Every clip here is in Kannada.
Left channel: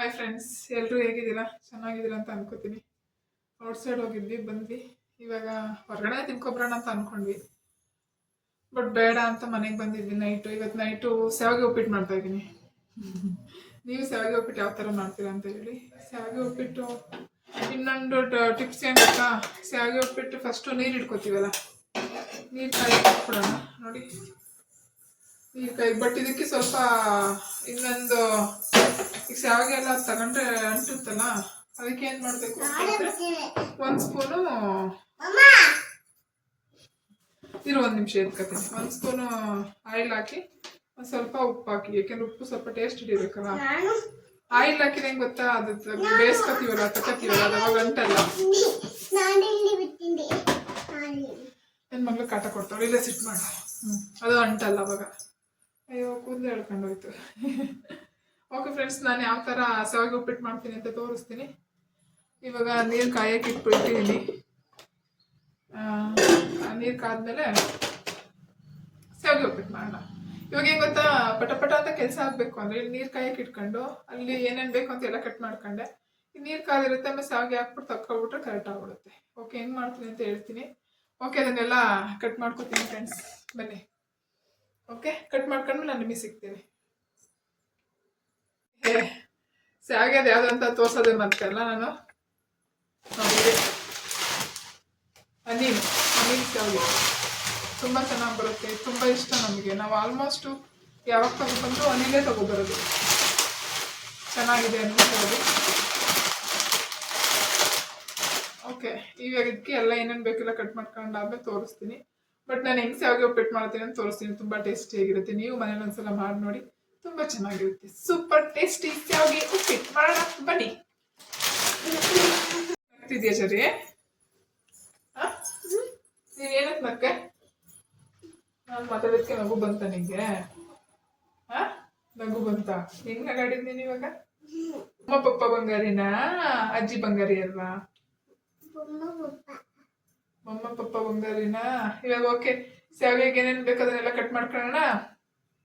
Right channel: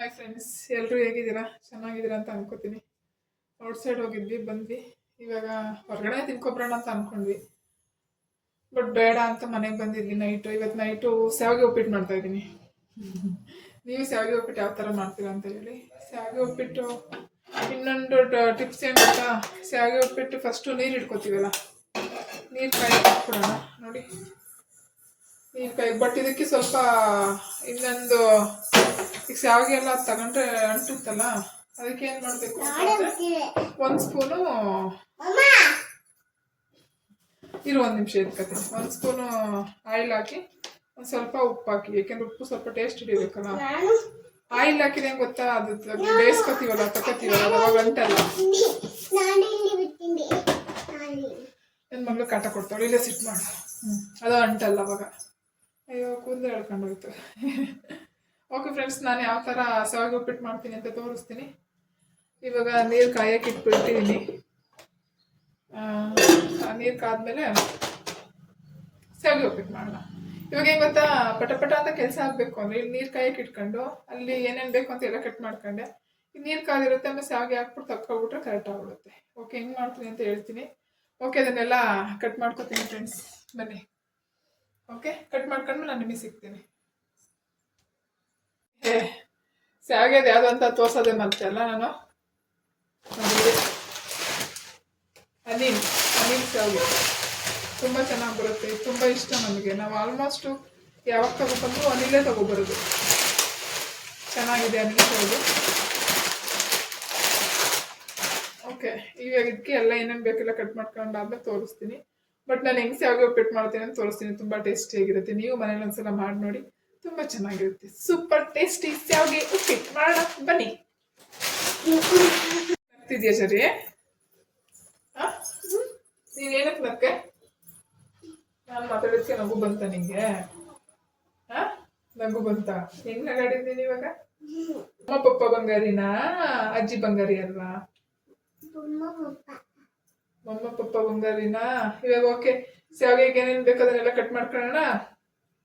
ಹಾಯ್ ಫ್ರೆಂಡ್ಸ್, ಎಲ್ಲರೂ ಹೇಗಿದ್ದೀರಾ? ಚೆನ್ನಾಗಿದ್ದೀರಾ ಅಂತ ಅನ್ಕೋತೀನಿ. ಔಟ್ ಸೈಡ್ ಹೋಗಿದ್ವಿ, ಬಂದ್ವಿ. ಇವಾಗ ಹೊರಗಡೆ ತಿನ್ಕೊಬ್ರೋಣ ಅಂತ ಅನ್ಕೊಂಡ್ವಿ, ಬಟ್ ಬೇಡ ಅಂತ ಮನೆಗೆ ಬಂದಿದ್ವಿ. ಇವತ್ತು ನೈಟು ಶಾವಿಗೆ ಉಪ್ಪಿಟ್ಟು ಮಾಡ್ತಾ ಇದ್ದೀನಿ. ನೀವು ಶಾವಿಗೆ ಉಪ್ಪಿಟ್ಟು ಯಾವ ಥರ ಮಾಡ್ತೀರಾ ಅಂತ ಹೇಳಿ. ಶಾವಿಗೆ ಉಪ್ಪಿಟ್ಟು ಇನ್ನೊಂದು ಟಿಪ್ಸ್ ಏನು ಗೊತ್ತಾ? ಶಾವಿಗೆ ಉಪ್ಪಿಟ್ಟು ಫಸ್ಟು ನೀರು ಇಟ್ಕೋತೀವಲ್ಲ, ನೀರು ಕಾಯಿ ಹಾಕ್ಬಿಡೋಣ ನೋಡಿ. ನೀರು ಕಾಯಿ, ಬಟ್ ಇದಕ್ಕೆ ಸ್ವಲ್ಪ ಇನ್ನೊಂದು ಈಗ ಶಾವಿಗೆ ಎಲ್ಲ ತಗೊಂಡ್ರೆ ಅಂಟುತ್ತಲ್ಲ, ಅದಕ್ಕೆ ಏನು ಮಾಡಬೇಕು ಒಂದು ಸ್ಪೂನು ಒಂದು ನಿಮಿಷ ಎತ್ಕೊತೀನಿ. ಒಂದು ಸ್ಪೂನು ಆಯಿಲ್ ಹಾಕಿ ಒಂದು ಸ್ವಲ್ಪ ಉಪ್ಪು ಹಾಕಿ, ಯಾಕೆಂದ್ರೆ ಉಪ್ಪು ಸ್ವಲ್ಪ ಟೇಸ್ಟ್ ಹಿಡಿಬೇಕಲ್ಲ. ಆಯಿಲ್ ಹಾಕಿದ ಹೆಂಗೆ ಗೊತ್ತಾ, ಅದು ಬೇಯಿಸ್ಕೊತೀವಲ್ಲ, ತಗೋತೀವಲ್ಲ, ಅದು ಅವಾಗ ಅಂಟಲ್ಲ. ನನ್ನ ಮಗಳು ಕಾಟ ಕೊಡ್ತಾಳೆ, ಇಲ್ಲೇ ಸಿಟ್ಟು ಮಾಡು. ಅದು ಅಂಟಲ್ಲ ಅವಾಗ. ಅಯ್ಯೋ, ಕೂದಲು ಹೇಳ್ಕೊಂಡೋಯ್ತು. ಓಕೆ ಫ್ರೆಂಡ್ಸ್, ನಾನು ಯಾವ ಥರ ಶಾವಿಗೆ ಉಪ್ಪಿಟ್ಟು ಮಾಡ್ತೀನಿ ಅಂತ ತೋರಿಸ್ತೀನಿ. ಇವಾಗ ನೀರು ಕಾಯಕ್ಕೆ ಇಟ್ಬಿಟ್ಟಿದ್ದೀನಿ. ನೀರು ಕಾದ್ಮೇಲೆ ಶಾವಿಗೆ ಉಪ್ಪಿಟ್ಟು ಮಾಡೋಣ. ಇವಾಗ ಏನು ಗೊತ್ತಾ, ಪಟ ಅಂತ ಕೆಲಸ ಆಗಬೇಕು ಅಂದರೆ ಇಲ್ಲಿ ನೀರು ಕಾಯಕ್ಕೆ ಇಟ್ಕೊಂಡು ಅಲ್ಲಿ ಏನೇನು ಬೇಕು ಅಂತ ಎಲ್ಲ ಕಟ್ ಮಾಡ್ಕೊಂಡೆ. ಈ ನೀರು ಕಾದಿರುತ್ತೆ, ಆಮೇಲೆ ಶಾವಿಗೆ ಹಾಕ್ಬಿಟ್ಟು ತಕ್ಕೊಬಿಟ್ರೆ ಕರೆಕ್ಟ್ ಆಗ್ಬಿಡುತ್ತೆ. ಓಕೆ, ಹೆಂಗೆ ಮಾಡ್ತೀನಿ ಅಂತ ಹೇಳ್ತೀನಿ. ಓಕೆ, ಅದನ್ನೆಲ್ಲ ಕಟ್ ಮಾಡ್ಕೊತೀನಿ ಫ್ರೆಂಡ್ಸ್, ಬನ್ನಿ. ಓಕೆ, ಕಟ್ ಮಾಡ್ಕೊಂಡ್ಮೇಲೆ ನಾನು ನಿಮಗೆ ಸಿಗ್ತೀನಿ. ಶಾವಿಗೆ ಯಾವುದು ಅಂತ ತೋರ್ಸೋದೇ ಮತ್ತೆ ಅಲ್ಲ ನಾನು. ನೋಡಿ, ಅನಿಲ್ ಶಾವಿಗೆ ತುಂಬ ಚೆನ್ನಾಗಿ ಬರುತ್ತೆ, ತುಂಬ ಇಷ್ಟ ನಮಗೆ. ನಾವು ಆಲ್ಮೋಸ್ಟು ಯಾವಾಗ ತಗೊಬಂದರೂ ಅನಿಲೇ ತಗೊಬರೋದು. ಚೆನ್ನಾಗಿದೆ ಅನಿಲ್ ಶಾವಿಗೆ. ಓಕೆ, ಇವಾಗ ಇದಕ್ಕೆ ಎಲ್ಲ ಏನೇನು ಬೇಕೆಲ್ಲ ಕಟ್ ಮಾಡ್ಕೊಂಡಾದ್ಮೇಲೆ ತೋರಿಸ್ತೀನಿ. ಬಟ್ ನಾನು ಹೆಂಗೆ ಶಾವಿಗೆ ಉಪ್ಪಿಟ್ಟು ಮಾಡ್ತೀನಿ ಅಂತ ತೋರಿಸ್ತೀನಿ. ತುಂಬ ಟೇಸ್ಟಿಯಾಗಿರುತ್ತೆ. ನೀವು ಮನೇಲಿ ಒಂದ್ಸಲ ಮಾಡಿ ನೋಡಿ, ತುಂಬ ಚೆನ್ನಾಗಿರುತ್ತೆ. ಸೂಪರ್ ಟೇಸ್ಟಿ ಶಾವಿಗೆ ಉಪ್ಪಿಟ್ಟು ಮಾಡೋಣ, ಬನ್ನಿ. ನಗ್ತಿದ್ಯಾ ಸರಿ? ನೀವೇನಕ್ಕೆ ನಕ್ಕೆ? ನಾನು ಮಾತಾಡೋದಕ್ಕೆ ನಗು ಬಂತ ನಿಂಗೆ? ನಗು ಬಂತ? ಹೆಂಗ್ ನಗಾಡಿದ್ದೀನಿ ಇವಾಗ? ಅಮ್ಮ ಪಪ್ಪ ಬಂಗಾರಿನಾ, ಅಜ್ಜಿ ಬಂಗಾರಿ ಅಲ್ವಾ? ಮಮ್ಮ ಪಪ್ಪ ಬಂಗಾರಿನಾ. ಇವಾಗ ಓಕೆ, ಶಾವಿಗೆಗೆ ಏನೇನು ಬೇಕಾದನ್ನೆಲ್ಲ ಕಟ್ ಮಾಡ್ಕೊಳ್ಳೋಣ.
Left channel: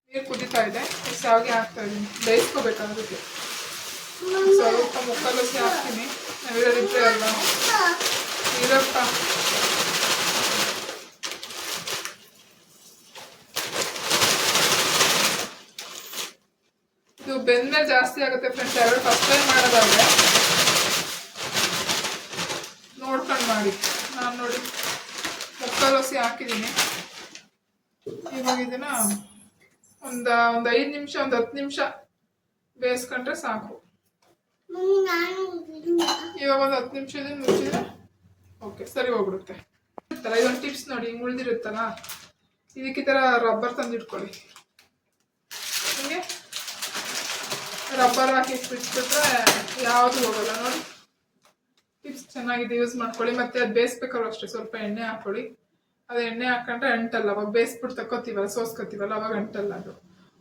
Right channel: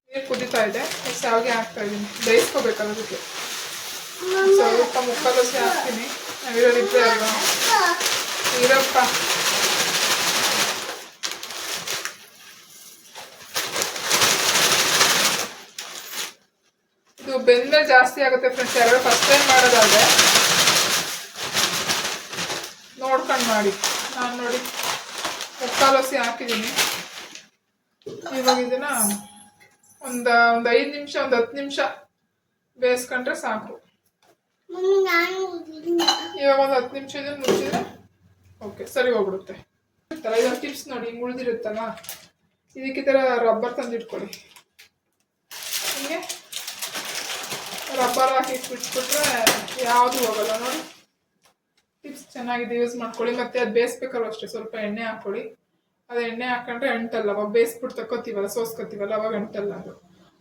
ನೀರು ಕುದೀತಾ ಇದೆ, ಶಾವಿಗೆ ಹಾಕ್ತಾ ಇದ್ದೀನಿ. ಬೇಯಿಸ್ಕೋಬೇಕಲ್ಲ ಅದಕ್ಕೆ. ಸ್ವಲ್ಪ ಮುಕ್ಕಾಲೋಸಿ ಹಾಕ್ತೀನಿ. ನಾವಿರೋದಿದ್ರೆ ಅಲ್ವಾ ಇರಪ್ಪ. ಇದು ಬೆಂದ ಜಾಸ್ತಿ ಆಗುತ್ತೆ ಫ್ರೆಂಡ್ಸ್. ಯಾರು ಫಸ್ಟ್ ಟೈಮ್ ಮಾಡೋದಾದ್ರೆ ನೋಡ್ಕೊಂಡು ಮಾಡಿ. ನಾನು ನೋಡಿ ಮುಕ್ಕಾಲೋಸಿ ಹಾಕಿದ್ದೀನಿ. ಇವಾಗ ಇದನ್ನ ಒಂದು 5 ನಿಮಿಷ, ಒಂದು 10 ನಿಮಿಷ ಬೇಯಿಸ್ಕೊಂಡ್ರೆ ಸಾಕು. ಇವಾಗ ಒಂದು 10 ನಿಮಿಷ ಇದನ್ನು ಮುಚ್ಚಿದ್ರೆ ಓಕೆ, ಸರಿ ಹೋಗ್ಬಿಡುತ್ತೆ. ಇದೊಂದು ಟಿಪ್ಸ್ ನೋಡಿ, ಹಿಂಗೆ ಉಳಿದಿರುತ್ತಲ್ಲ, ಇದಕ್ಕೆ ಈ ಥರ ರಬ್ಬರ್ ತಂದಿಟ್ಕೊಳ್ಳಿ. ಹಿಂಗೆ ರಬ್ಬರ್ ಹಾಕಿ ಬಿಟ್ಬಿಟ್ರೆ ಯಾವುದು ಹೋಗಲ್ಲ ನೋಡಿ. ಟಿಪ್ಸ್ ಚೆನ್ನಾಗಿದೆ, ಯೂಸ್ ಮಾಡ್ಕೊಳ್ಳಿ. ಮತ್ತೆ ಅದು ಬೇಯಿಸ್ಬೇಕಾದ್ರೂ ಅಷ್ಟೇ ಸ್ವಲ್ಪ ಎಣ್ಣೆ ಹಾಕ್ಕೊಳ್ಳಿ. ಅದು ಎಣ್ಣೆ ಹಾಕೊಂಡ್ರೆ ಅಂಟಲ್ಲ. ಅವಾಗ ಬೇಯಿಸ್ಬಿಟ್ಟು ತಕ್ಕೋತೀವಲ್ಲ, ಸೋಸ್ಕೋತೀವಲ್ಲ, ಅವಾಗ ಅಂಟಲ್ಲ. ಅದು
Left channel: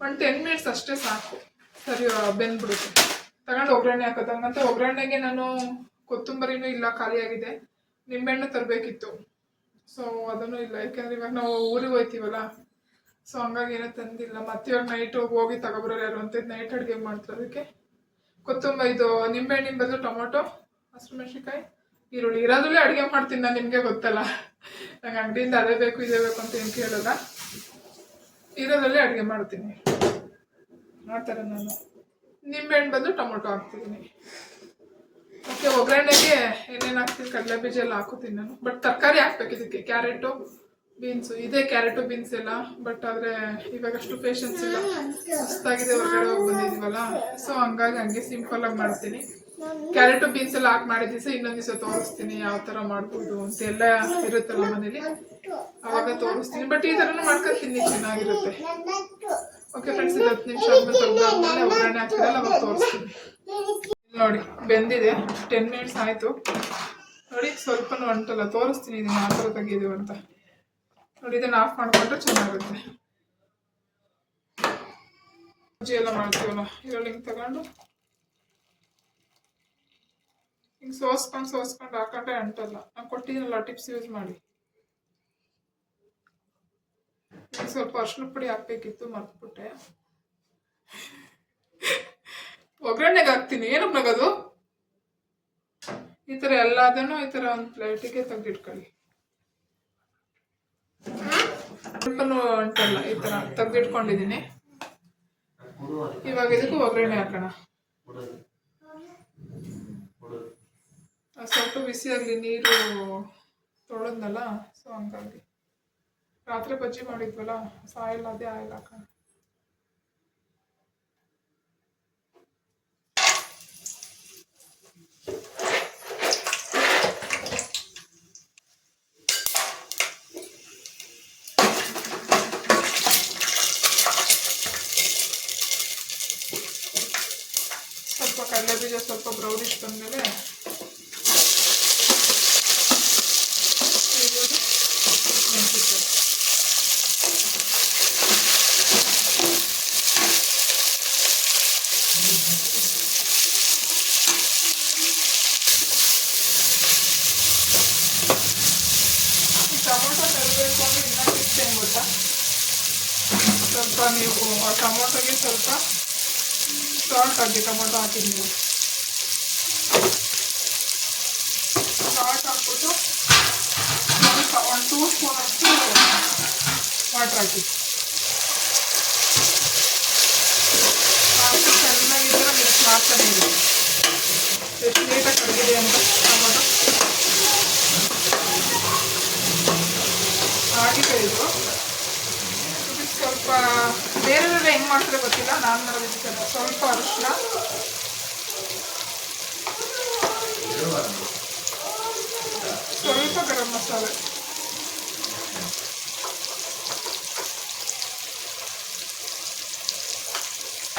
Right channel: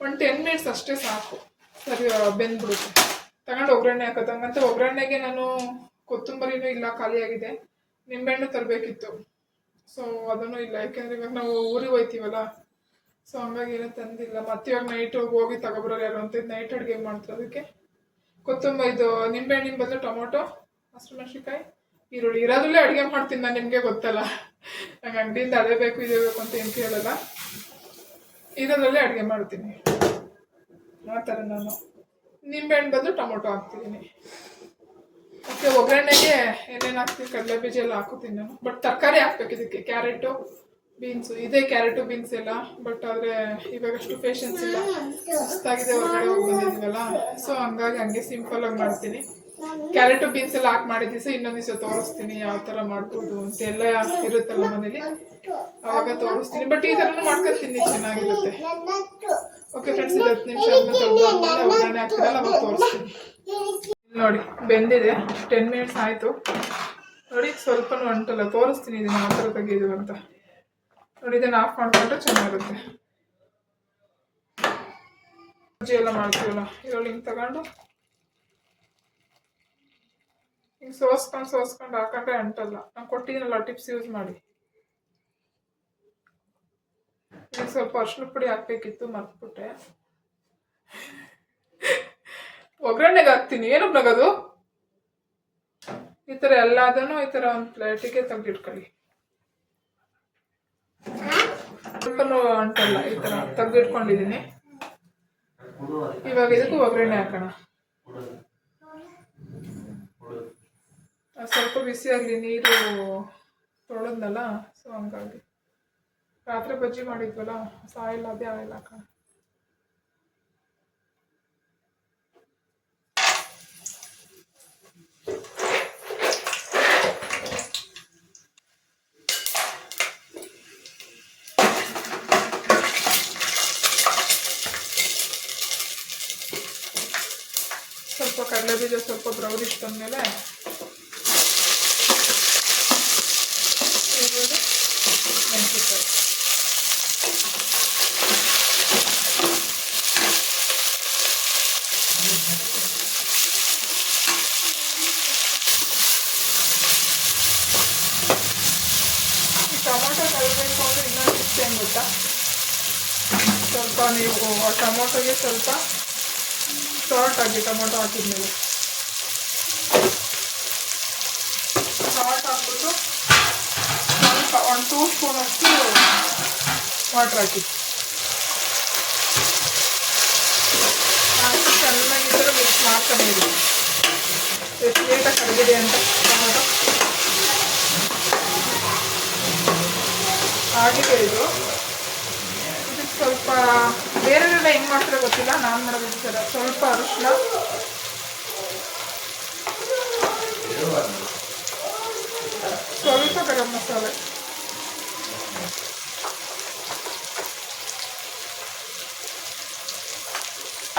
ಒಂದು 10 ಮಿನಿಟ್ಸ್ ಅಷ್ಟೇ ಸಾಕು, ಸರಿ ಬೆಂದ್ಬಿಡುತ್ತೆ. ತಗೊಂಡು ಒಗ್ಗರಣೆ ಹಾಕೋದು. ಹಂಗಂತ ಒಗ್ಗರಣೆಗೆ ನಾನು ಕೊತ್ತಂಬರಿನೂ ಇಲ್ಲ, ಖಾಲಿಯಾಗಿದೆ. ನಿಂಬೆಹಣ್ಣು ತರಬೇಕಿತ್ತು, ಸೊ ಅದನ್ನು ಇಲ್ಲ. ಯಾಕೆಂದ್ರೆ ಇವಾಗ ನಾವು ಊರಿಗೆ ಹೋಗ್ತೀವಲ್ಲ, ಸೊ ಹಂಗಾಗಿ ಏನೂ ತಂದಿಲ್ಲ. ಮತ್ತೆ ಇವಾಗ ನೈಟ್ ಹೋಗಿ ತಗೊಬರೋರು ಯಾರು ಅಂತ ನೈಟ್ ಅಡುಗೆ ಮಾಡ್ತಾರೆ. ಅದಕ್ಕೆ ಕೊತ್ತಂಬರಿ, ಇದು ನಿಂಬೆಹಣ್ಣಿನ ಬದಲು ಟೊಮೊಟೊ, ಹಸಿಮೆಣಸಿನ್ಕಾಯಿ, ಈರುಳ್ಳಿ ಇರೋದ್ರಲ್ಲೇ ಅಡುಗೆ ಮಾಡ್ತೀನಿ ನಾನು. ನಿಮಗೆ ಗೊತ್ತಲ್ಲ, ನಂಗೆ ಅಂಗಡಿಯಿಂದ ಅದೇ ಬೇಕು ಇದೇ ಬೇಕು ಅಂತ ಏನು ಕೇಳಲ್ಲ, ಇರೋದ್ರಲ್ಲೇ ಅಡುಗೆ ಮಾಡ್ತೀನಿ. ಆ ಥರ ನಾನು ನಿಂಬೆಹಣ್ಣು ಬದಲು ಟೊಮೊಟೊ ಹಾಕ್ತಿದ್ದೀನಿ. ಓಕೆ, ಒಗ್ಗರಣೆಗೆ ಏನೇನು ಹಾಕ್ತೀನಿ, ಕಡಲೆ ಬೀಜ ಎಲ್ಲ ಹಾಕೋತೀನಿ ನಾನು. ಬಟ್ ತರಕಾರಿ ಹಾಕ್ಬೇಕು ಇದಕ್ಕೆ, ಕ್ಯಾರೆಟು, ಬೀನ್ಸು. ಇದೇ ಕ್ಯಾರೆಟು ಬೀನ್ಸ್ ಎಲ್ಲ. ಬಟ್ ಆದರೆ ಇವಾಗಷ್ಟು ಪೇಷನ್ಸ್ ಇಲ್ಲ, ಸುಸ್ತಾಗಿದೆ, ಹೊರಗಡೆ ಹೋಗಿ ಬಂದಿದ್ದೀವಲ್ಲ. ಸೊ ಹಂಗಾಗಿ ಹಂಗೆ ಸಿಂಪಲಾಗಿ ಮಾಡ್ತೀನಿ. ಕ್ಯಾರೆಟು ಬೀನ್ಸ್ ಎಲ್ಲ ಹಾಕಿ ಮಾಡಿದ ದಿವಸ ಇನ್ನೊಂದು ದಿವಸ ತೋರಿಸ್ತೀನಿ ಯಾವ ಥರ ಮಾಡ್ಬೋದು ಅಂತ. ಎಲ್ಲ ಇರುತ್ತಲ್ಲ ಮನೇಲಿ, ಅವಾಗ ತೋರಿಸ್ತೀನಿ. ಬಟ್ ಈ ಥರನೂ ಮಾಡ್ಕೊತೀನಿ, ಚೆನ್ನಾಗಿರುತ್ತೆ. ಓಕೆ ಫ್ರೆಂಡ್ಸ್, 10 ನಿಮಿಷ ಆದ್ಮೇಲೆ ಒಗ್ಗರಣೆ ಹಾಕ್ತಿರಲ್ಲ, ಅವಾಗ ತೋರಿಸ್ತೀನಿ. ನೋಡಿ, ಬೆಂದಿದೆ. 10 ಮಿನಿಟ್ಸ್ ಆಯಿತು ನೋಡಿ. ಸ್ವಲ್ಪನೂ ಅಂಟಲ್ಲ. ತೋರಿಸ್ತೀನಿ ಇದನ್ನು ಯಾವ ಥರ ತೆಗೆಯೋದು ಅಂತ ನೋಡಿ. ಇದನ್ನು ಆಫ್ ಮಾಡಿಕೊಂಡ್ರೆ ಚೆನ್ನಾಗುತ್ತೆ. ಬಜ್ಜಿ ಎಲ್ಲ ಮಾಡ್ತೀವಲ್ಲ, ಇದರಲ್ಲಿ ಹಿಂಗೆ ತಗೊಂಡು ಹಿಂಗೆ ಸೋಸ್ಕೊಂಡು ಹಾಕೊಂಡ್ರೆ ಅಂಟಲ್ಲ. ನಾನು ಕೊಟ್ಟಿದ್ದೀನಲ್ಲ ಟಿಪ್ಸ್, ಯೂಸ್ ಮಾಡಿ. ಸ್ವಲ್ಪ ಅರಿಶಿನ ಪುಡಿ ಹಾಕಬೇಕಿತ್ತು, ಮರ್ತ್ಬಿಟ್ಟೆ. ಒಗ್ಗರಣೆಗೆ ಹಾಕ್ತೀನಿ. ಏನಕ್ಕೆ ನಗದು? ಈ ತರ ಎಲ್ಲದನ್ನು ಈ ತರ ಒಂದು ಪ್ಲೇಟಿಗೆ ತೆಗೆದಿಟ್ಕೊಳ್ಳಿ. ಸ್ವಲ್ಪನೂ ಅಂಟಲ್ಲ. ಈ ತರ ತೆಗೆದಿಟ್ಕೊಂಡಿದ್ದೀನಿ. ಇವಾಗ ಇದಕ್ಕೂ ಒಗ್ಗರಣೆ ಹಾಕೋಣ. ಸ್ವಲ್ಪ ಬಿಸಿಯಾಗಲಿ, ನೀರು ತೊಳೆದಲ್ಲ, ಸೊ ಹಂಗಾಗಿ. ರಾತ್ರಿ ಬಜ್ಜಿ ಮಾಡಿದ್ವಲ್ಲ, ಆಯಿಲ್ ಅದೇ ಆಯಿಲ್ ಹಾಕೋಣ. ಸ್ವಲ್ಪ ಕಡಲೆ ಬೀಜ ಸ್ವಲ್ಪ ಬ್ರೌನಿಶ್ ಬಂದಮೇಲೆ ಮೆಣಸಿನಕಾಯಿ. ಈ ಟೊಮೊಟೊ ಕಲಬೇಕು ಅಂದರೆ ಇನ್ನೂ ಟಿಪ್ಸ್ ಏನು ಗೊತ್ತಾ? ಸ್ವಲ್ಪ ನೀವು ಆ ಟೊಮೊಟೊಗೆ ಸ್ವಲ್ಪ ಸಾಲ್ಟ್ ಹಾಕಿ, ಟೊಮೊಟೊ ಹಾಕಿದ್ಮೇಲೆ ಸಾಲ್ಟ್ ಹಾಕ್ಬಿಟ್ಟು ಸ್ವಲ್ಪ 1-2 ಸ್ಪೂನ್ ಅಷ್ಟು ವಾಟರ್ ಹಾಕಿ ಚೆನ್ನಾಗಿ ಈ ಥರ ಮಿಕ್ಸ್ ಮಾಡ್ತಾನೆ ಇದೆ. ಎಷ್ಟು ಲೇಟಾಗಿ ಕರಗಿದೆ ಅಂತ ಟೊಮೊಟೊ ಆಗಿದೆ. ಇದಕ್ಕೆ ಸ್ವಲ್ಪ ಬೇರೆಲ್ಲ ಹೆಂಗೆ ಮಾಡ್ತಾರೆ ಗೊತ್ತಿಲ್ಲ, ನಾನು ಮಾಡೋದು ಸರ. ಸ್ವಲ್ಪ ಅರಿಶಿನ, ಸ್ವಲ್ಪ ಗರಂ ಮಸಾಲೆ,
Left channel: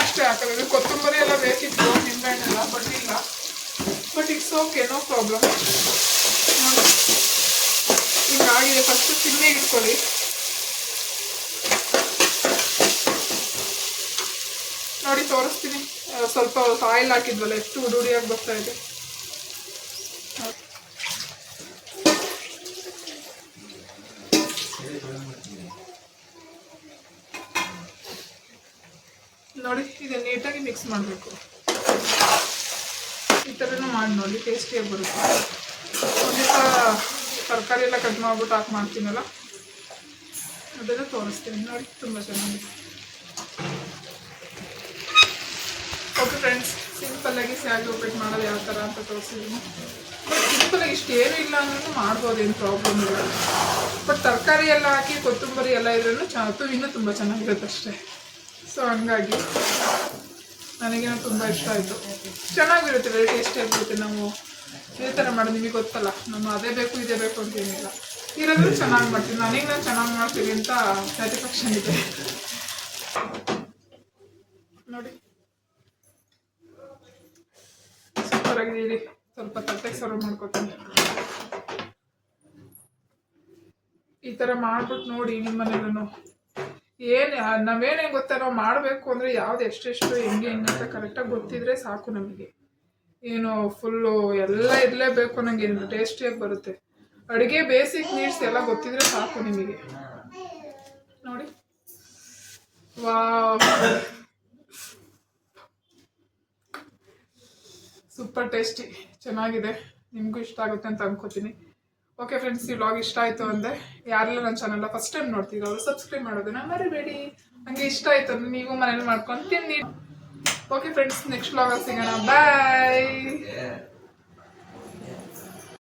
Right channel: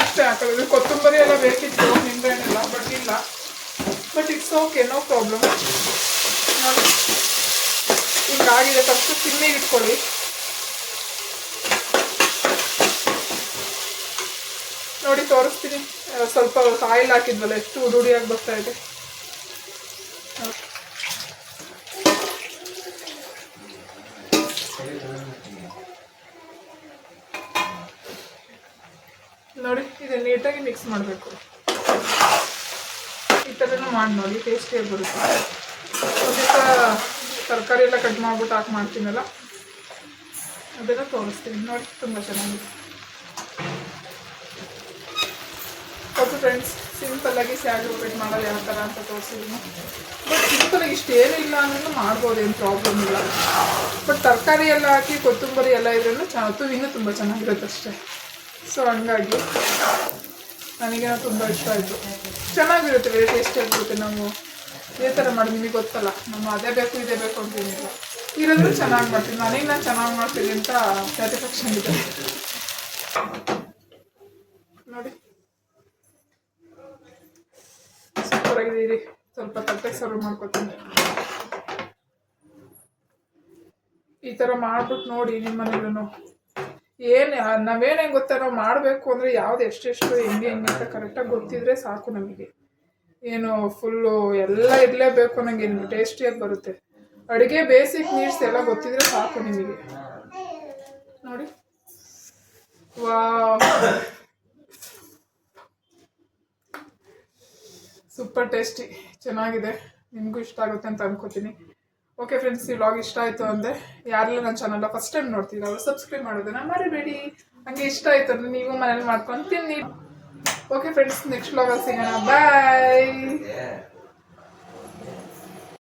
ಅಷ್ಟೇ ಹಾಕೋದು. ಕೊತ್ತಂಬರಿ ಎಲ್ಲ ಬೇಕಿತ್ತು, ನಿಂಬೆಹಣ್ಣೆಲ್ಲ, ಬಟ್ ಇಲ್ಲ. But it's okay, no problem. ಹಿಂಗಾಗಿದೆ. ಫಸ್ಟ್ ಸಿಮ್ಮಿಗೆ ಇಟ್ಕೊಳ್ಳಿ. ನೋಡಿ ತೋರಿಸ್ತೀನಿ. ಸ್ವಲ್ಪ ಆಯಿಲ್ ಹಾಕಿದ್ವಲ್ಲ, ಎಷ್ಟು ಉಡುಡಿಯಾಗಿ ಬರ್ತಾ ಇದೆ. ನೋಡಿ, ಇದು ನೀಟಾಗಿ ಮಿಕ್ಸ್ ಮಾಡಬೇಕು. ಈ ಥರನೂ ಮಾಡಿ ನೋಡಿ, ಟೇಸ್ಟಿಯಾಗಿ ಬರುತ್ತೆ. ಇದಕ್ಕೆ ತರಕಾರಿ ಎಲ್ಲ ಕಟ್ ಮಾಡ್ಬಿಟ್ಟು ಹಾಕಿ ಮಾಡ್ತೀನಲ್ಲ, ಅದನ್ನು ತೋರಿಸ್ತೀನಿ. ನೋಡಿ, ತುಂಬ ಚೆನ್ನಾಗಿದೆ. ಓಕೆ ಫ್ರೆಂಡ್ಸ್, ಸಿಂಪಲ್ಲಾಗಿ ಸ್ಯಾಗಿ ಉಪ್ಪಿಟ್ಟು ಮಾಡೋದು ಯಾವ ಥರ ಅಂತ ತೋರಿಸಿದ್ದೀನಿ. ಬಟ್ ಸಿಂಪಲಾಗಿ ಇಷ್ಟೇನು ಇಲ್ಲ ಅಂದ್ರೂ ಮಾಡ್ಬೋದು, ಏನು ಪ್ರಾಬ್ಲಮ್ ಇಲ್ಲ. ಬಟ್ ತರಕಾರಿ ಎಲ್ಲ ಹಾಕಿ ಕೊತ್ತಂಬರಿ ಎಲ್ಲ ಇದ್ರೂ ಇನ್ನೂ ತುಂಬ ಚೆನ್ನಾಗಿರುತ್ತೆ ಅಷ್ಟೇ. ಸೊ ಹಂಗಾಗಿ ನನಗೇನೋ ತುಂಬ ಇಷ್ಟ ಆಯಿತು. ಚೆನ್ನಾಗಿರುತ್ತೆ, ವೆರಿ ಟೇಸ್ಟಿಯಾಗಿರುತ್ತೆ. ನಾವು ಇದೇ ಥರ ಮಾಡೋದು, ನಿಮಗೆ ಗೊತ್ತಲ್ಲ, ನಮ್ಮ ಅದೇ ಬೇಕು ಇದೇ ಬೇಕು ಅಂತೇನಿಲ್ಲ. ಇರೋದ್ರೂ ಚೆನ್ನಾಗಿ ಮಾಡ್ತೀನಿ. ನನಗೆ ನಾನು ಚೆನ್ನಾಗಿ ಮಾಡ್ತೀನಿ ಅಂತ ಸ್ಯಾಟಿಸ್ಫ್ಯಾಕ್ಷನ್ ಇದೆ. ನೋಡಿ, ಸೂಪರಾಗಿದ್ದೀರಿ. ಸ್ವಲ್ಪ ತಟ್ಟೆಗೆ ಸರ್ವ್ ಮಾಡ್ಕೊತೀನಿ. ಈ ಥರ ಮಾಡ್ಬಿಟ್ಟು ನೋಡಿ ನಿಮ್ಮ ಮನೆಯಲ್ಲೂ. ನಾವೇನೇ ಗೊತ್ತಾ, ನಾವು ಮಾಡಬೇಕು ಅಂದರೆ ಯಾವ್ದು ಎಷ್ಟೆಷ್ಟು ಹೆಂಗೆ ಅಂತ ಕರೆಕ್ಟಾಗಿ ಗೊತ್ತಿದ್ರೆ ಸಾಕು ನಮಗೆ. ಏನು ಫುಲ್ಲು ಎಲ್ಲ ಇರಲೇಬೇಕು ನನಗೆ, ಟೇಸ್ಟಿಯಾಗಿ ಬರುತ್ತೆ. ಅಡುಗೆ ಬೇಸಿಕ್ ನೀಡ್ಸ್ ಎಲ್ಲ ಗೊತ್ತಿದ್ರೆ ಸಾಕು ನಿಮಗೆ. ನೋಡಿ, ವಾವ್, ಸೂಪರ್ ಟೇಸ್ಟಿ, ಚೆನ್ನಾಗಿದೆ. ನಿಮಗೂ ಇಷ್ಟ ಆಗುತ್ತೆ ಅಂತ ಅನ್ಕೋತೀನಿ. ಓಕೆ ಫ್ರೆಂಡ್ಸ್, ಈ ವ್ಲಾಗ್ ಇಷ್ಟ ಆಯಿತು ಅಂದರೆ ಯಾರೆಲ್ಲ ನನ್ನ ಚಾನಲ್ನ ಫಸ್ಟ್ ಟೈಮ್ ನೋಡ್ತೀವಿ ಅವರು ಸಬ್ಸ್ಕ್ರೈಬ್ ಮಾಡೋದನ್ನ ಮರಿಬೇಡಿ. ಹಂಗೆ ಇಷ್ಟ ಆಯಿತು ಅಂದರೆ ನೀವು ಮನೇಲಿ ಮಾಡ್ಕೊಂಡು ತಿನ್ನಿ. ಓಕೆ ಫ್ರೆಂಡ್ಸ್, ನೆಕ್ಸ್ಟ್ ವ್ಲಾಗಲ್ಲಿ ಸಿಗೋಣ. ಬಾಯ್.